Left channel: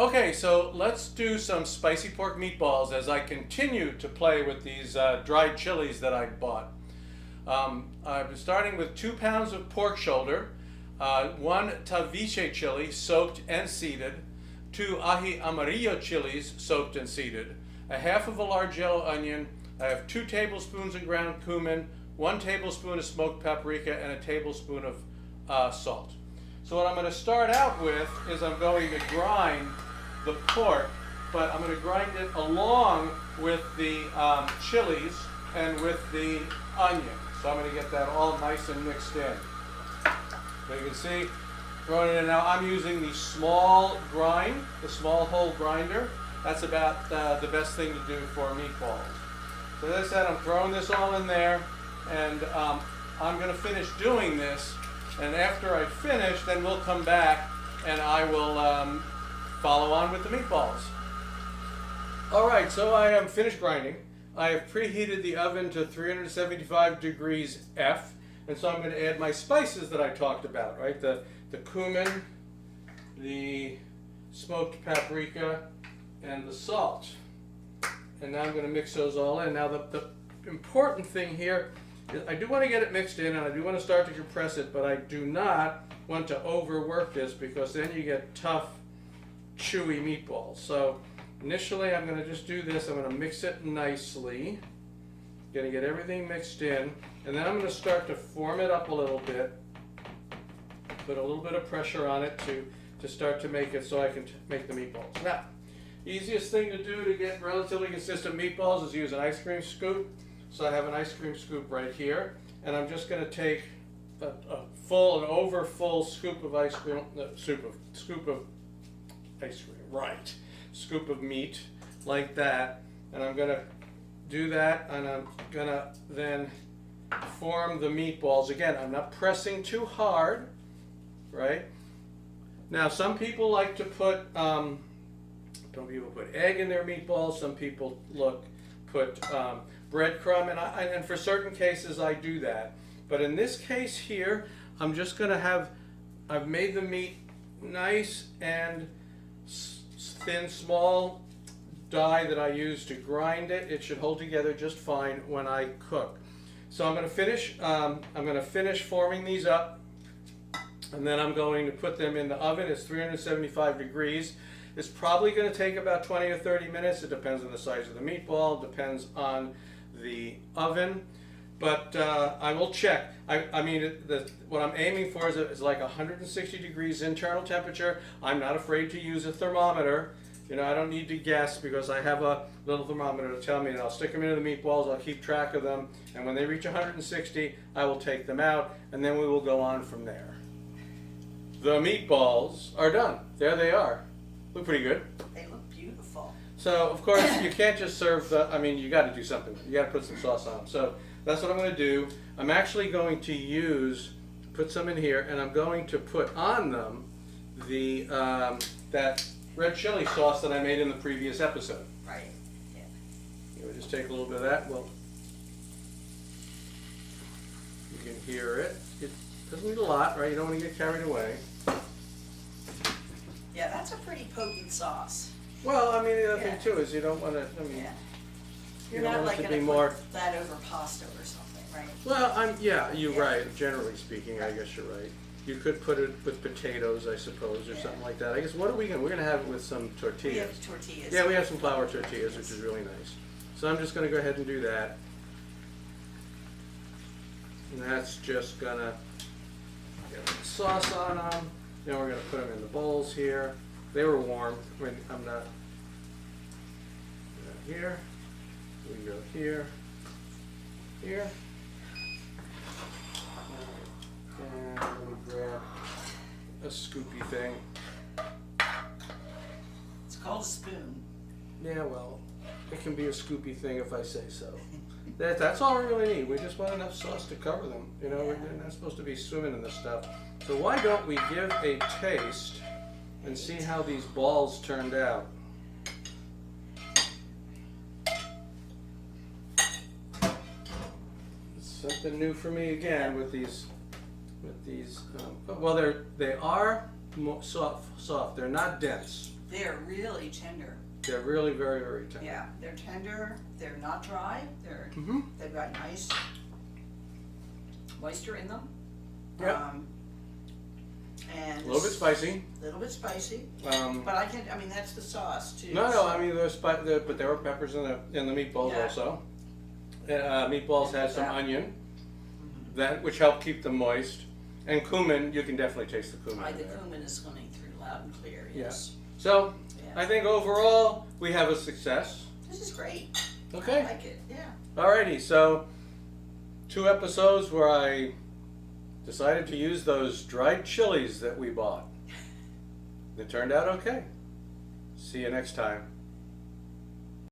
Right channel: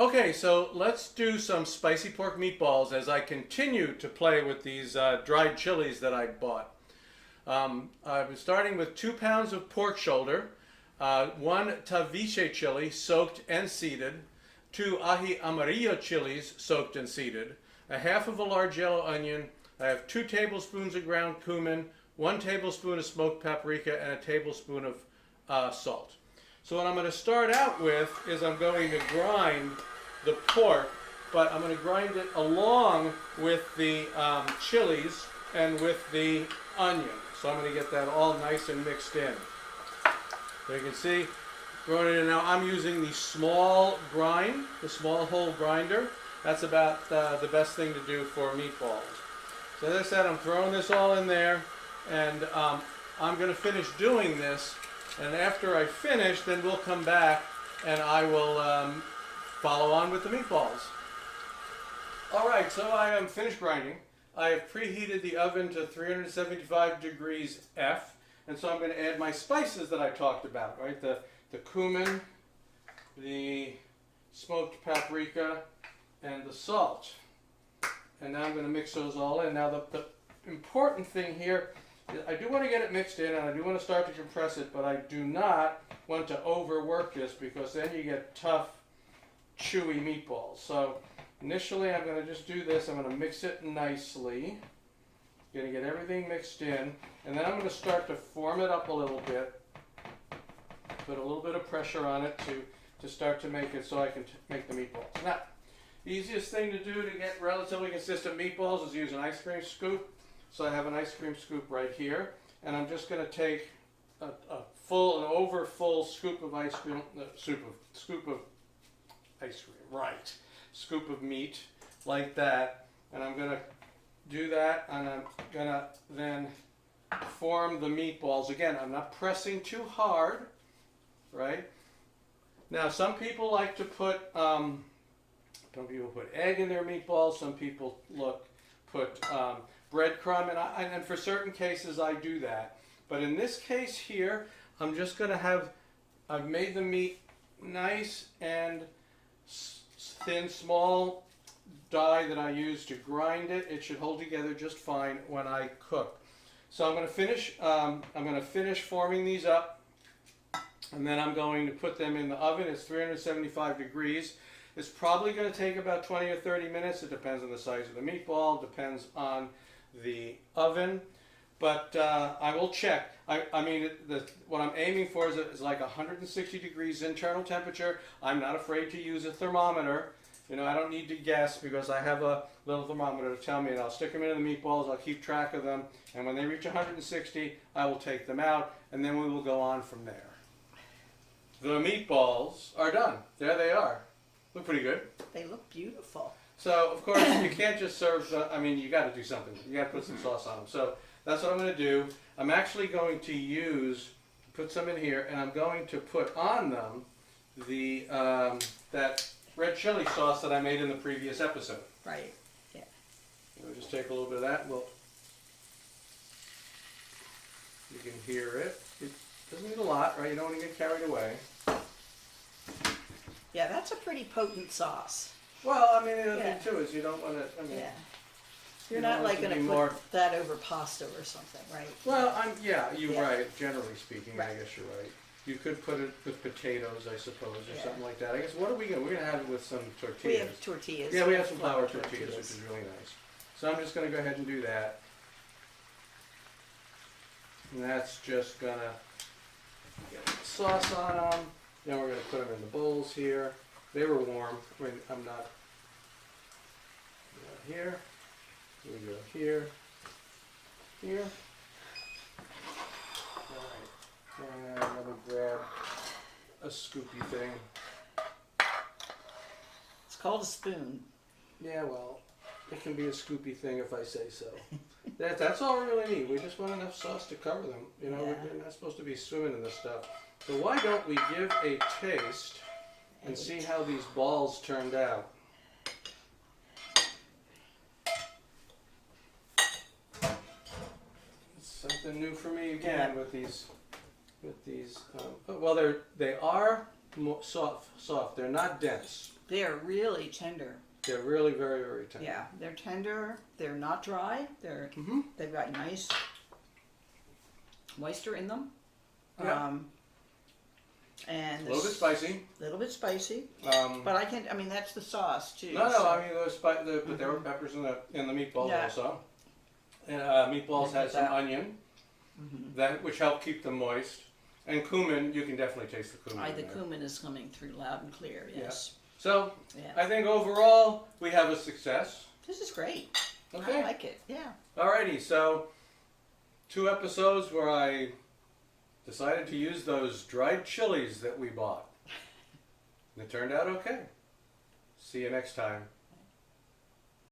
Okay, so let's do some spicy pork meatballs as I continue to play with these dried chilies that I bought. I'm starting with 2 pounds of pork shoulder, 1 taviche chili soaked and seeded, 2 ají amarillo chilies soaked and seeded, a half of a large yellow onion. I have 2 tablespoons of ground cumin, 1 tablespoon of smoked paprika, and a tablespoon of salt. So what I'm going to start out with is I'm going to grind the pork, but I'm going to grind it along with the chilies and with the onion. So I'm going to get that all nice and mixed in. So you can see, throwing it in now. I'm using the small grind, the small hole grinder. That's about the best thing to do for meatballs. So as I said, I'm throwing this all in there, and I'm going to finish doing this. And after I finish, then we'll come back and I will follow on with the meatballs. All right, so I am finished grinding. I have preheated the oven to 375 degrees F, and so I'm going to add my spices that I talked about, right? The cumin, the smoked paprika, and the salt. And now I'm going to mix those all in. Now the important thing here, I do want to get it mixed in, and I do want to start to compress it, but I do not want to overwork this because then you get tough, chewy meatballs. So initially I'm going to just do this. I'm going to mix it nicely. Going to get everything mixed in, and then I'm going to start to form it up a little bit. Put a little bit of pressure on it to start to make it so I can make the meatballs. Now, easiest thing to do to get relatively consistent meatballs is use an ice cream scoop. So I have an ice cream scoop right here, and I'm just going to take an over full scoop of ice cream, scoop of ice cream, right? Scoop of meat like that, and I'm going to do that, and I'm going to then form the meatballs. Again, I'm not pressing too hard, right? Now, some people like to put egg in their meatballs. Some people put breadcrumb, and for certain cases I do that. But in this case here, I'm just going to I've made the meat nice and thin, small die that I use to grind it. It should hold together just fine when I cook. So I'm going to finish forming these up, and then I'm going to put them in the oven. It's 375 degrees. It's probably going to take about 20 or 30 minutes. It depends on the size of the meatball, depends on the oven, but I will check. I mean, what I'm aiming for is like 160 degrees internal temperature. I'm not afraid to use a thermometer. You know, I don't need to guess because I have a little thermometer to tell me that. I'll stick them into the meatballs, I'll keep track of them, and when they reach 160, I will take them out, and then we will go on from there. The meatballs are done. There they are. Look pretty good. They look beautiful. So, of course, you can't just serve you got to do something. You got to put some sauce on them. So that's what I'm going to do. I'm actually going to put some in here, and I'm going to put on them that red chili sauce that I made in the previous episode. Right. Yeah. We'll just take a little bit of that. You can hear it. It doesn't need a lot, right? You don't want to get carried away. Yeah, that's a pretty potent sauce. Well, I mean, the other thing too is you don't want to. Yeah. You're not like going to put that over pasta or something, right? Well, you're right. Generally speaking, right. I guess you're right. You could put it with potatoes, I suppose, or something like that. I guess, what are we going to? We're going to have it with some tortillas. We have tortillas. Yeah, we have some flour tortillas, which is really nice. So I'm just going to go ahead and do that. And that's just going to get the sauce on them. Then we're going to put them in the bowls here. They were warm. I'm not. Here. We go here. Here. Alright. And let me grab a scoopy thing. It's called a spoon. Yeah, well, it can be a scoopy thing if I say so. That's all we really need. We just want enough sauce to cover them. You know, we're not supposed to be swimming in this stuff. So why don't we give a taste and see how these balls turned out? It's something new for me again with these. Well, they are soft. They're not dense. They're really tender. They're really very, very tender. Yeah, they're tender. They're not dry. They've got nice moisture in them. Yeah. And A little bit spicy. A little bit spicy. But I mean, that's the sauce too. No, so. I mean, but there were peppers in the meatballs Yeah. also. And, meatballs had some onion, which helped keep them moist. And cumin, you can definitely taste the cumin. The cumin is coming through loud and clear, yes. Yeah. So, I think overall, we have a success. This is great. Okay. I like it, yeah. Alrighty, so 2 episodes where I decided to use those dried chilies that we bought. It turned out okay. See you next time.